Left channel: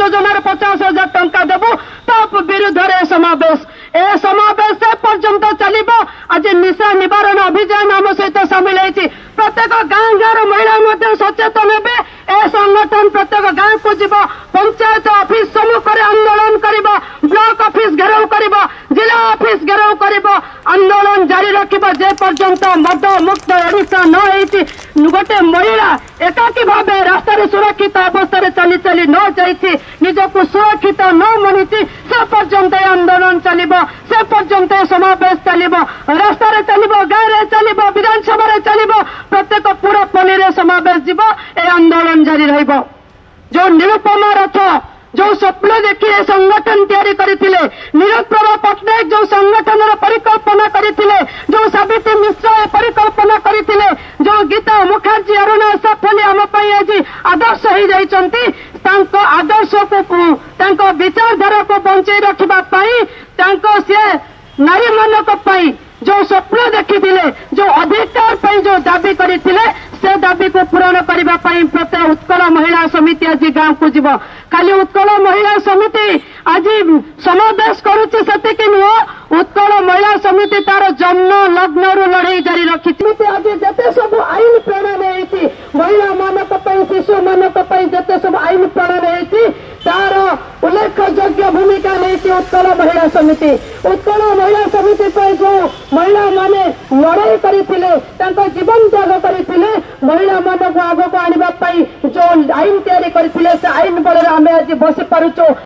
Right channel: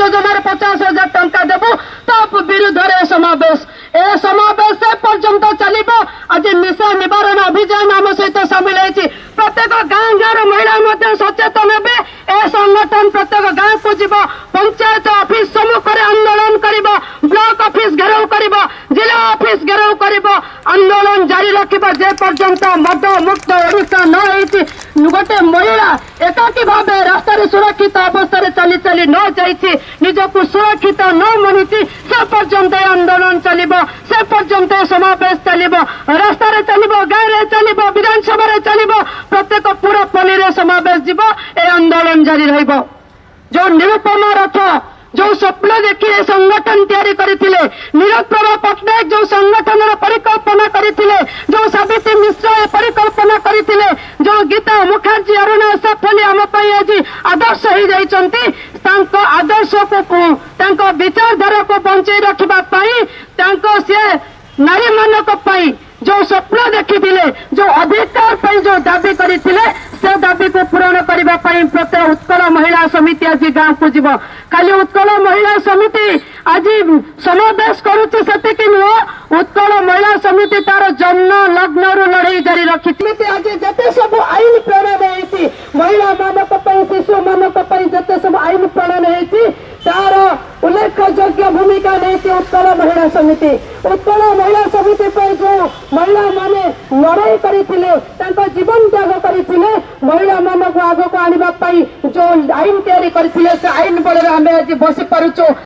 योजन 50,000 टंका देबू तो विरुद्ध समावेश ए समावेश से पर्यंत चलो। आज निशा निवारण अभियान आम सहित सामिल होती प्रत्येक गाँ गाँव महिला सचेतन हे ए संगठन प्रत्येक गाँव को जीव पंचायत ऑफिस सम्मुख आंदोलन कर ब्लॉक ऑफिस घेराव कर जिला ऑफिस घेराव कर आंदोलन जारी रखा जे पर्यंत मद मुक्त ओडिशा न होती गोटे महिला एकाकी भाव रास्तार सुरक्षित अवस्था चली चली न जाइए निजक सुरक्षित न मानी से पर्यंत आंदोलन चलो से पर्यंत समावेश चलो रास्तार चलो गाँव चलो विधानसभा चलो प्रत्येक पूरा पल्ली समावेश जीव ए आंदोलन जारी रहिबो। जो निरुपमा रथ जो स्वप्न देखी ए संगठन तैयारी करथिले नीरज प्रभा पट्टनायक जो संगठन परिकल्पना करथिले जो सावित्री मिश्र ए परिकल्पना करथिले जो गीता मुखर्जी अरुण सफली आम आज आदर्श हो जाइछंती तांको आदर्श को तांको विचारधारा को बंचाई रखा से नारी मानक जो स्वप्न देखी जो अधिकार पर जो दाबी करते से दाबी को पूरण करने प्रत्येक उत्कल महिला समिति आज गाँव को जीव खाली उत्कल महिला समिति आज समावेश करुच्ची से नुह उत्कल महिला समिति तार जन्म लग्न लड़ाई जारी रखी आज जिते सब आईन प्रणयन होती महिला मानक शिशु मानक जिते सब आईन प्रणयन होती तार उल्लेखयोग्य भूमिका नहीं उत्कल महिला समिति उत्कल महिला समिति जो महिला माने लड़ाई करते जीवन त्याग करते महिला मान आग को आने जो आईन तैयारी करते आईन बल आम आज बसी पारुचु।